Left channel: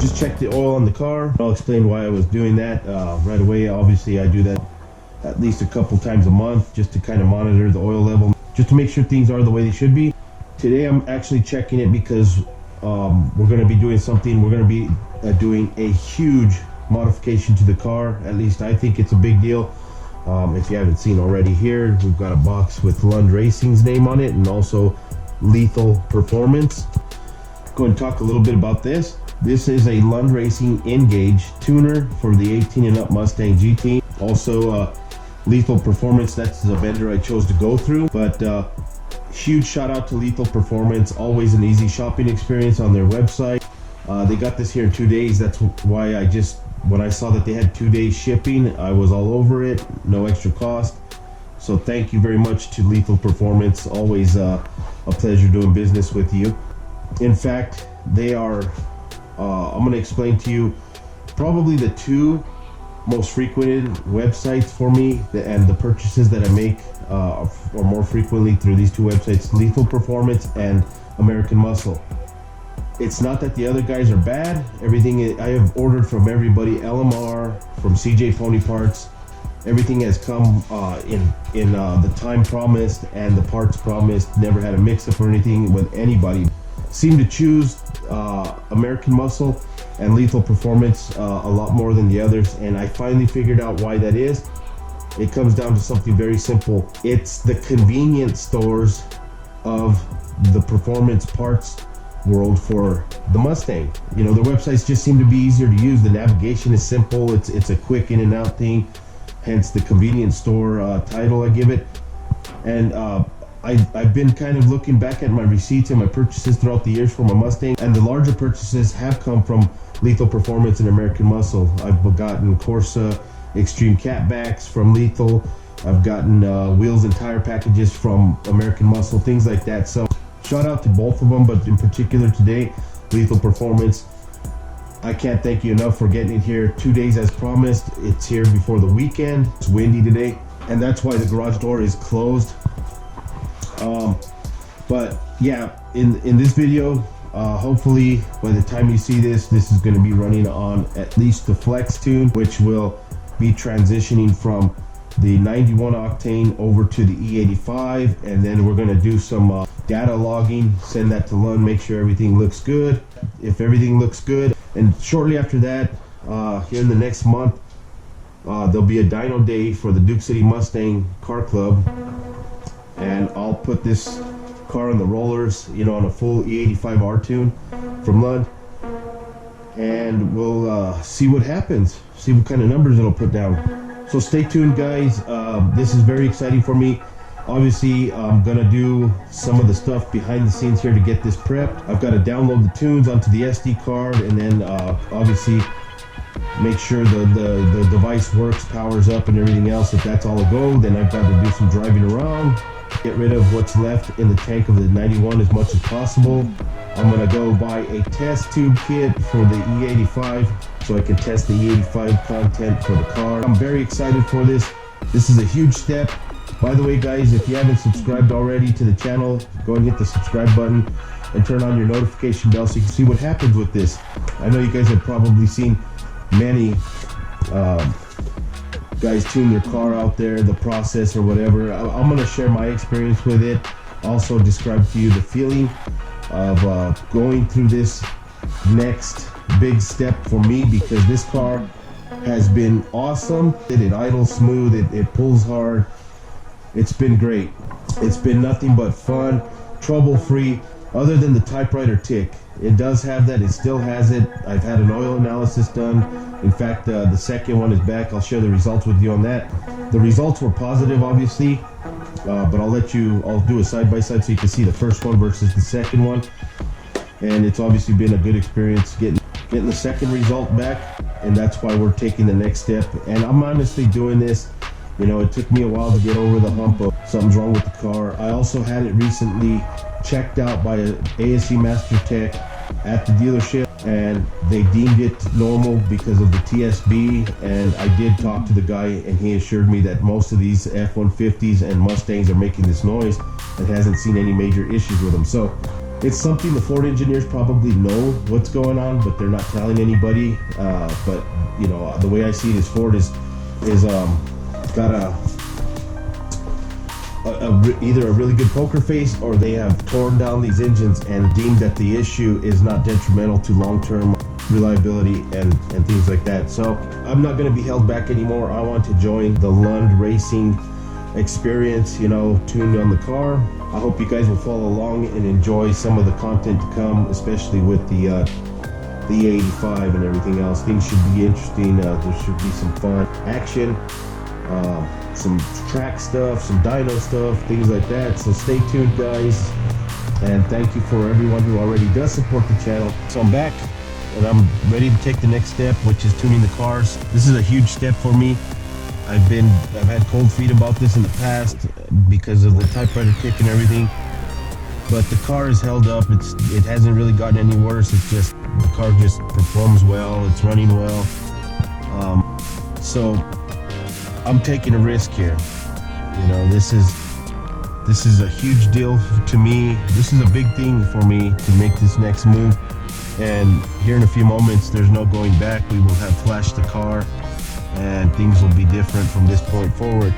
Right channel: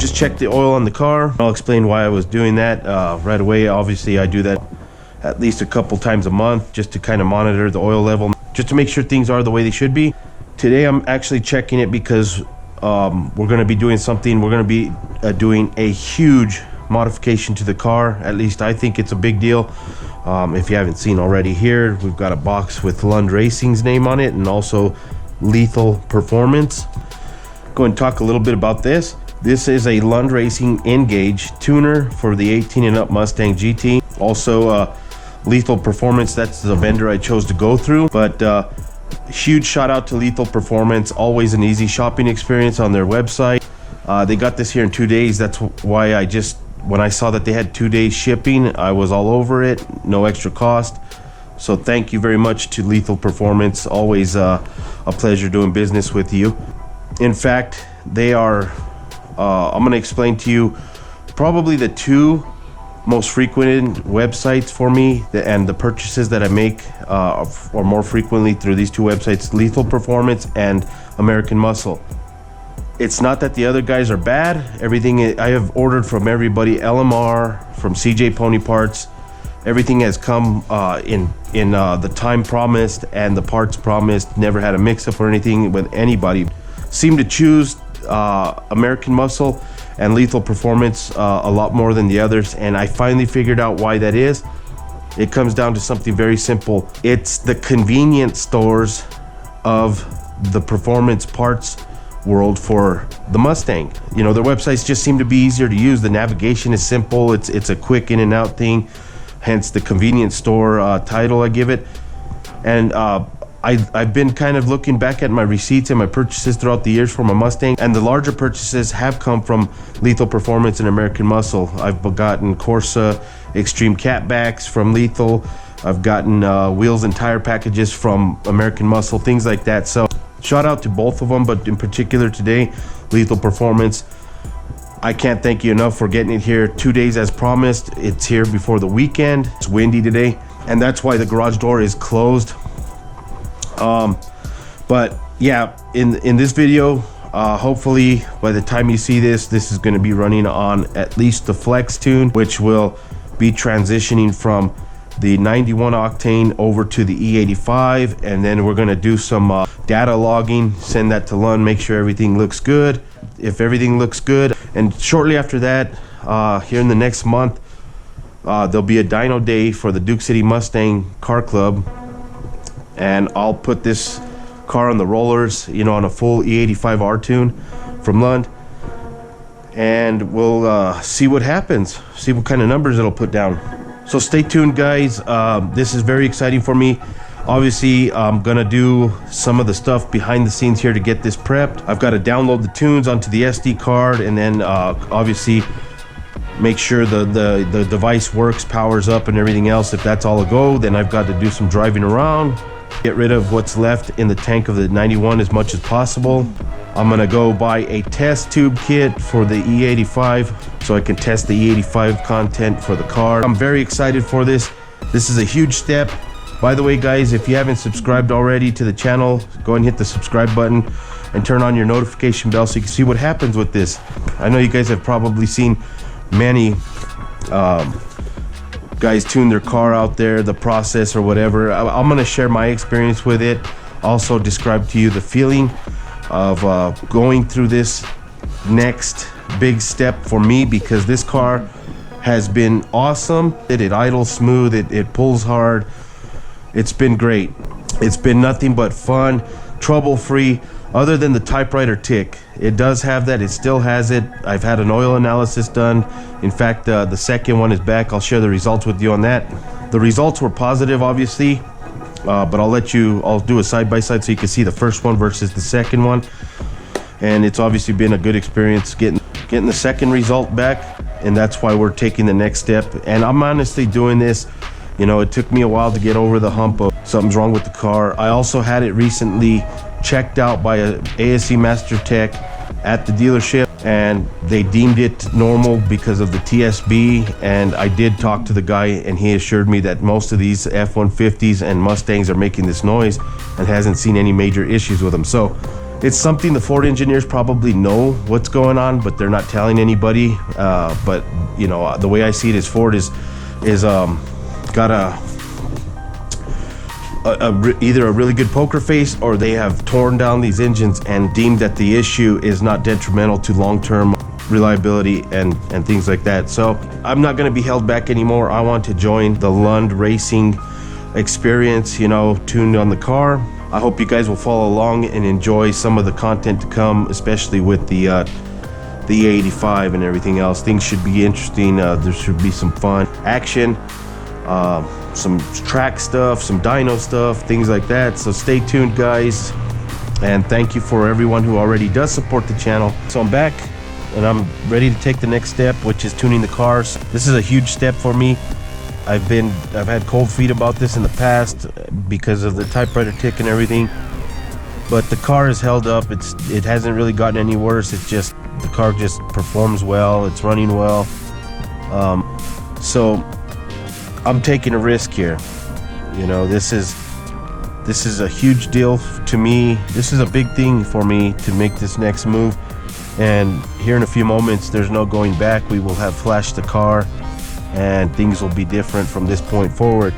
just check the oil on the car. I'll explain why I was doing that right away. Obviously, I do that at least a couple times a month just to kind of monitor the oil level, just to make sure things are the way they should be. Today, I'm actually checking it because we're going to be doing something. We're going to be doing a huge modification to the car. At least I think it's a big deal. If you haven't seen already, here we've got a box with Lund Racing's name on it and also Lethal Performance. Go and talk a little bit about this. This is a Lund Racing N-Gauge tuner for the 18 and up Mustang GT. Also Lethal Performance, that's the vendor I chose to go through. But huge shout out to Lethal Performance. Always an easy shopping experience on their website. They got this here in 2 days. That's why when I saw that they had 2 days shipping, I was all over it. No extra cost. So thank you very much to Lethal Performance. Always a pleasure doing business with you. In fact, they are, I'm going to explain to you probably the two most frequented websites for me, and the purchases that I make are more frequently through these two websites, Lethal Performance and American Muscle. It's not that the other guys are bad. Everything I have ordered from everybody, LMR, from CJ Pony Parts, everything has come in the time promised and the parts promised. Never had a mix-up or anything with anybody. Seem to choose American Muscle and Lethal Performance a lot more than the others, and I finally figured out why that is. It comes down to something very simple. It's the convenience stores of the performance parts world for the Mustang. You know, their websites just seem to be easier to use. The navigation is simple. It's a quick in and out thing, hence the convenience store title I give it. And I've been kind of looking back at my receipts and my purchases throughout the years for my Mustang, and the larger purchases have come from Lethal Performance and American Muscle. I've gotten Corsa Extreme catbacks from Lethal. I've gotten wheels and tire packages from American Muscle, things like that. So shout out to both of them, but in particular today, Lethal Performance. I can't thank you enough for getting it here 2 days as promised. It's here before the weekend. It's windy today, and that's why the garage door is closed. But yeah, in this video, hopefully by the time you see this is going to be running on at least the Flex Tune, which will be transitioning from the 91 octane over to the E85, and then we're going to do some data logging, send that to Lund, make sure everything looks good. If everything looks good, and shortly after that, here in the next month, there'll be a dyno day for the Duke City Mustang Car Club, and I'll put this car on the rollers, you know, on a full E85 R tune from Lund, and we'll see what happens, see what kind of numbers it'll put down. So stay tuned, guys. This is very exciting for me. Obviously, I'm gonna do some of the stuff behind the scenes here to get this prepped. I've got to download the tunes onto the SD card, and then obviously make sure the device works, powers up, and everything else. If that's all a go, then I've got to do some driving around, get rid of what's left in the tank of the 91 as much as possible. I'm gonna go buy a test tube kit for the E85 so I can test the E85 content for the car. I'm very excited for this. This is a huge step. By the way, guys, if you haven't subscribed already to the channel, go and hit the subscribe button and turn on your notification bell so you can see what happens with this. I know you guys have probably seen many guys tune their car out there, the process or whatever. I'm gonna share my experience with it, also describe to you the feeling of going through this next big step for me, because this car has been awesome. It idles smooth, it pulls hard. It's been great. It's been nothing but fun, trouble-free, other than the typewriter tick. It does have that, it still has it. I've had an oil analysis done. In fact, the second one is back. I'll share the results with you on that. The results were positive, obviously, but I'll do a side-by-side so you can see the first one versus the second one. And it's obviously been a good experience getting the second result back, and that's why we're taking the next step. And I'm honestly doing this, you know, it took me a while to get over the hump of something's wrong with the car. I also had it recently checked out by a ASE Master Tech at the dealership, and they deemed it normal because of the TSB. And I did talk to the guy, and he assured me that most of these F-150s and Mustangs are making this noise and hasn't seen any major issues with them. So It's something the Ford engineers probably know what's going on, but they're not telling anybody. But you know, the way I see it is Ford is got either a really good poker face, or they have torn down these engines and deemed that the issue is not detrimental to long-term reliability and things like that. So I'm not going to be held back anymore. I want to join the Lund Racing experience, you know, tuned on the car. I hope you guys will follow along and enjoy some of the content to come, especially with the E85 and everything else. Things should be interesting. There should be some fun action, some track stuff, some dyno stuff, things like that. So stay tuned, guys, and thank you for everyone who already does support the channel. So I'm back and I'm ready to take the next step, which is tuning the cars. This is a huge step for me. I've had cold feet about this in the past because of the typewriter tick and everything, but the car is held up. It hasn't really gotten any worse. It's just the car just performs well. It's running well. So I'm taking a risk here. You know, this is a huge deal to me. This is a big thing for me to make this next move. And here in a few moments, there's no going back. We will have flashed the car, and things will be different from this point forward.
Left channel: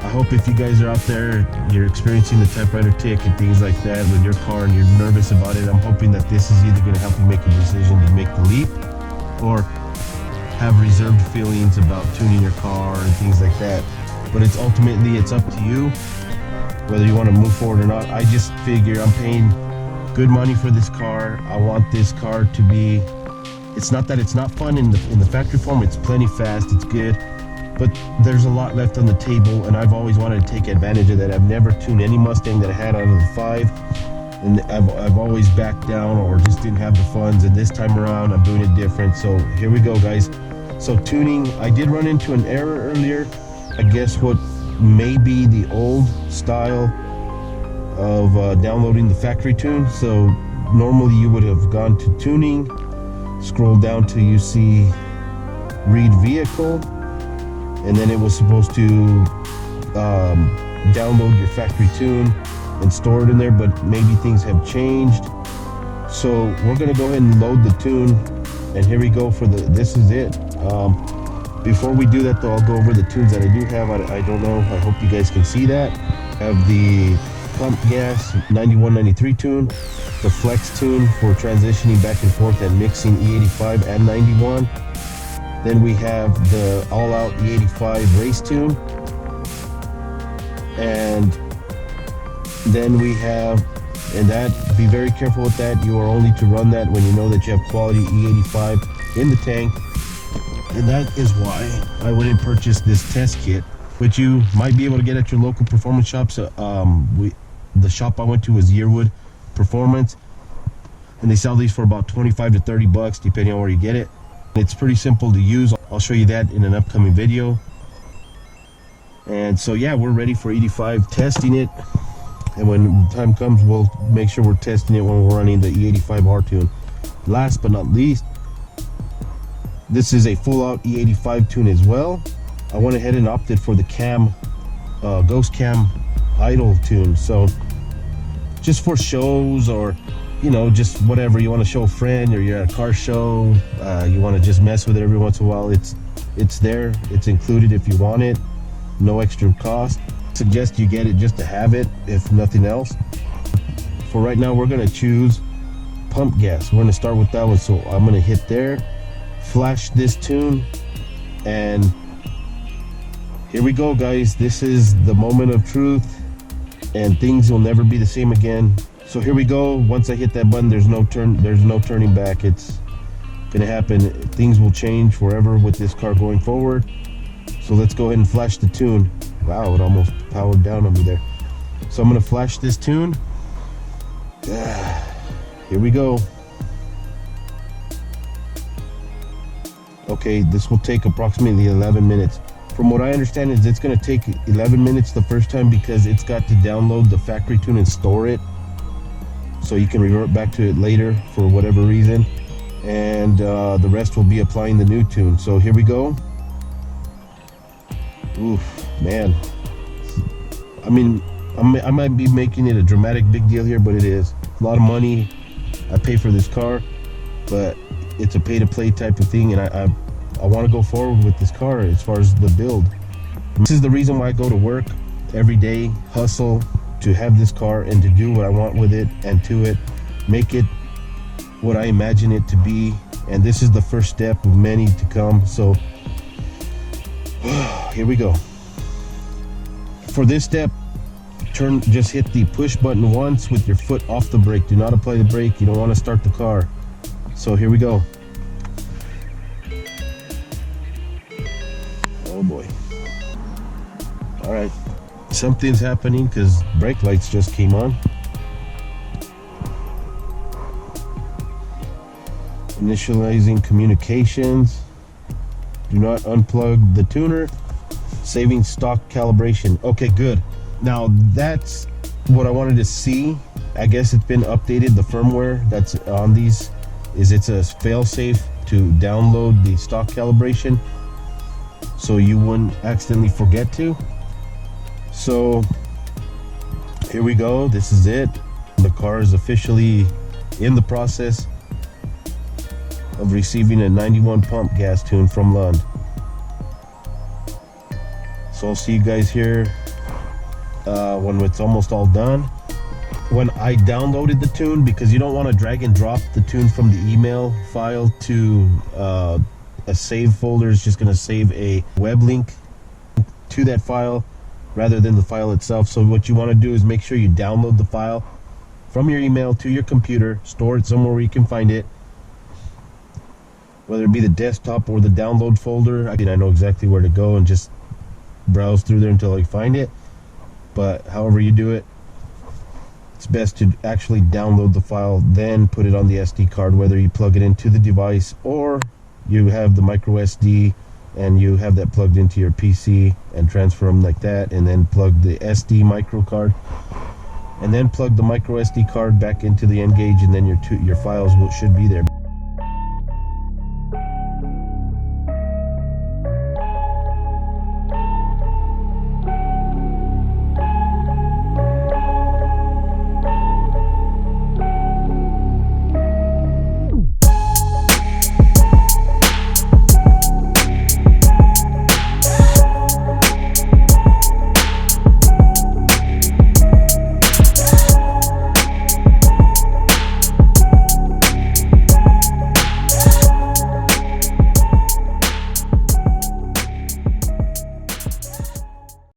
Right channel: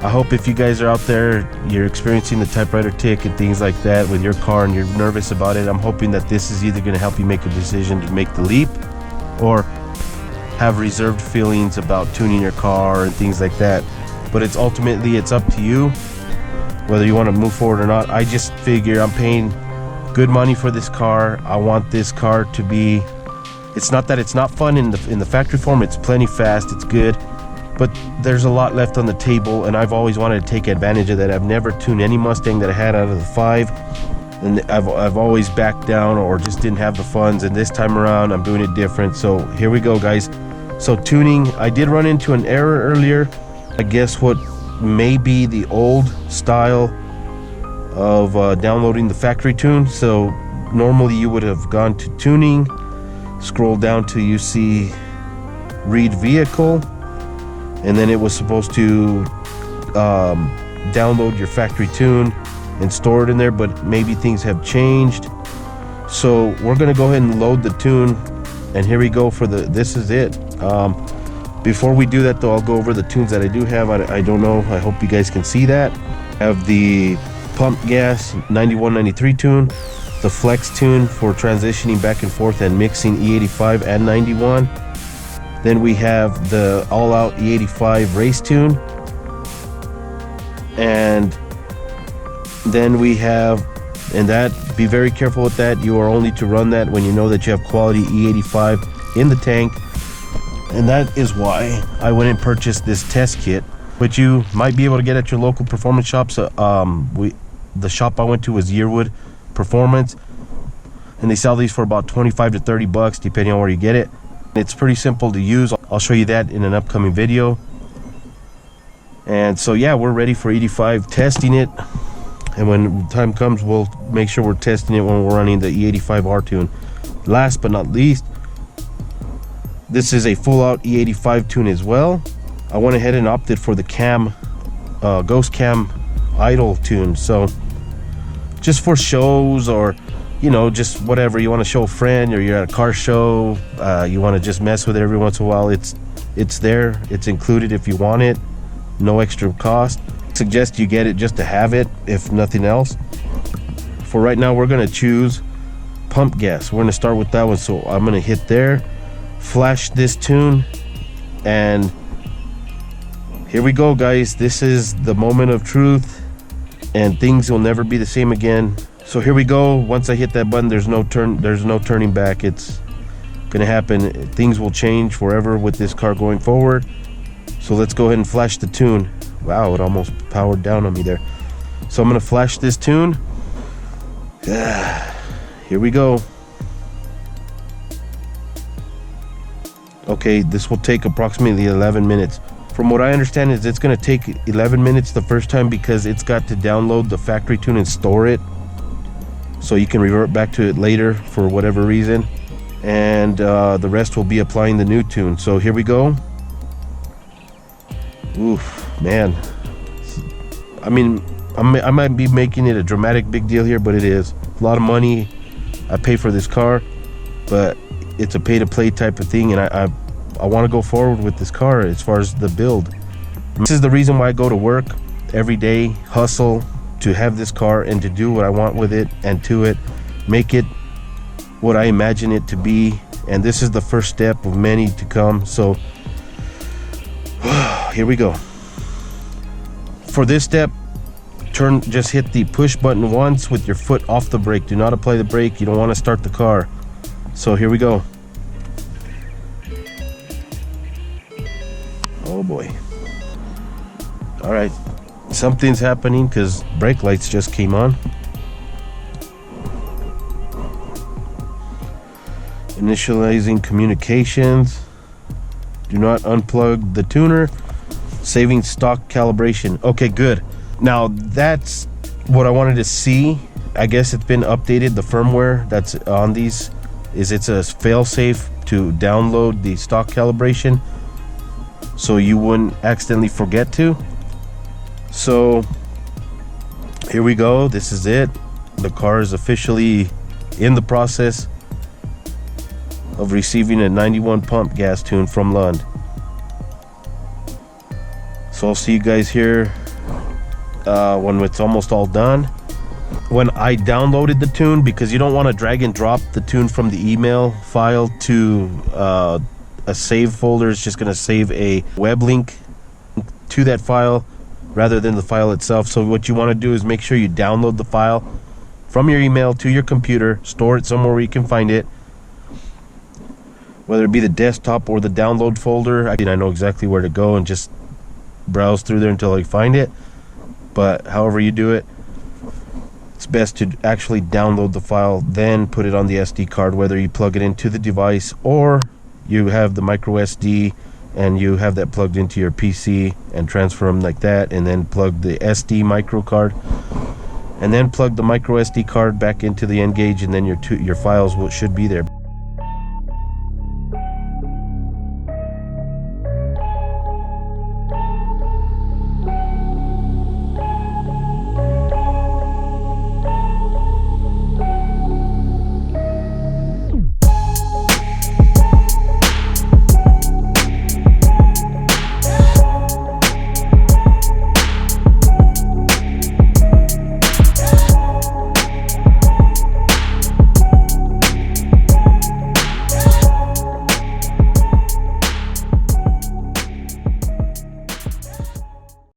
I hope if you guys are out there, you're experiencing the typewriter tick and things like that with your car and you're nervous about it, I'm hoping that this is either going to help you make a decision to make the leap, or have reserved feelings about tuning your car and things like that. But it's ultimately, it's up to you whether you want to move forward or not. I just figure I'm paying good money for this car. I want this car to be, it's not that it's not fun in the factory form. It's plenty fast, it's good, but there's a lot left on the table, and I've always wanted to take advantage of that. I've never tuned any Mustang that I had out of the 5, and I've always backed down or just didn't have the funds, and this time around I'm doing it different. So here we go, guys. So tuning, I did run into an error earlier. I guess what may be the old style of downloading the factory tune. So normally you would have gone to tuning, scroll down till you see read vehicle, and then it was supposed to download your factory tune and store it in there, but maybe things have changed. So we're gonna go ahead and load the tune, and here we go for this is it. Before we do that though, I'll go over the tunes that I do have. I don't know, I hope you guys can see that. I have the pump gas 9193 tune, the flex tune for transitioning back and forth and mixing E85 and 91. Then we have the all-out E85 race tune, and then we have, and that, be very careful with that. You are only to run that when you know that you have quality E85 in the tank, and that is why I went and purchased this test kit, which you might be able to get at your local performance shops. The shop I went to was Yearwood Performance, and they sell these for about 25 to 30 bucks depending on where you get it. It's pretty simple to use. I'll show you that in an upcoming video. And so yeah, we're ready for 85 testing it, and when the time comes, we'll make sure we're testing it when we're running the E85R tune. Last but not least, this is a full-out E85 tune as well. I went ahead and opted for the cam, ghost cam idle tune. So just for shows, or you know, just whatever you want to show a friend, or you're at a car show, you want to just mess with it every once in a while, it's there, it's included if you want it, no extra cost. Suggest you get it just to have it, if nothing else. For right now, we're going to choose pump gas. We're going to start with that one. So I'm going to hit there, flash this tune, and here we go, guys. This is the moment of truth, and things will never be the same again. So here we go. Once I hit that button, there's no turning back. It's gonna happen. Things will change forever with this car going forward. So let's go ahead and flash the tune. Wow, it almost powered down on me there. So I'm gonna flash this tune. Here we go. Okay, this will take approximately 11 minutes. From what I understand is it's gonna take 11 minutes the first time, because it's got to download the factory tune and store it, so you can revert back to it later for whatever reason, and the rest will be applying the new tune. So here we go. Oof, man. I mean, I might be making it a dramatic big deal here, but it is. a lot of money I pay for this car, but it's a pay-to-play type of thing, and I want to go forward with this car as far as the build. This is the reason why I go to work every day, hustle to have this car and to do what I want with it, and to it make it what I imagine it to be. And this is the first step of many to come. So here we go. For this step, just hit the push button once with your foot off the brake. Do not apply the brake. You don't want to start the car. So here we go. Oh boy. All right, something's happening because brake lights just came on. Initializing communications. Do not unplug the tuner. Saving stock calibration. Okay, good. Now that's what I wanted to see. I guess it's been updated. The firmware that's on these is it's a fail-safe to download the stock calibration, so you wouldn't accidentally forget to. So here we go. This is it. The car is officially in the process of receiving a 91 pump gas tune from Lund. So I'll see you guys here when it's almost all done. When I downloaded the tune, because you don't want to drag and drop the tune from the email file to a save folder. It's just going to save a web link to that file rather than the file itself. So what you want to do is make sure you download the file from your email to your computer, store it somewhere where you can find it, whether it be the desktop or the download folder. I know exactly where to go and just browse through there until I find it. But however you do it, it's best to actually download the file, then put it on the SD card, whether you plug it into the device or you have the micro SD and you have that plugged into your PC and transfer them like that, and then plug the SD micro card and then plug the micro SD card back into the N gauge, and then your files should be there.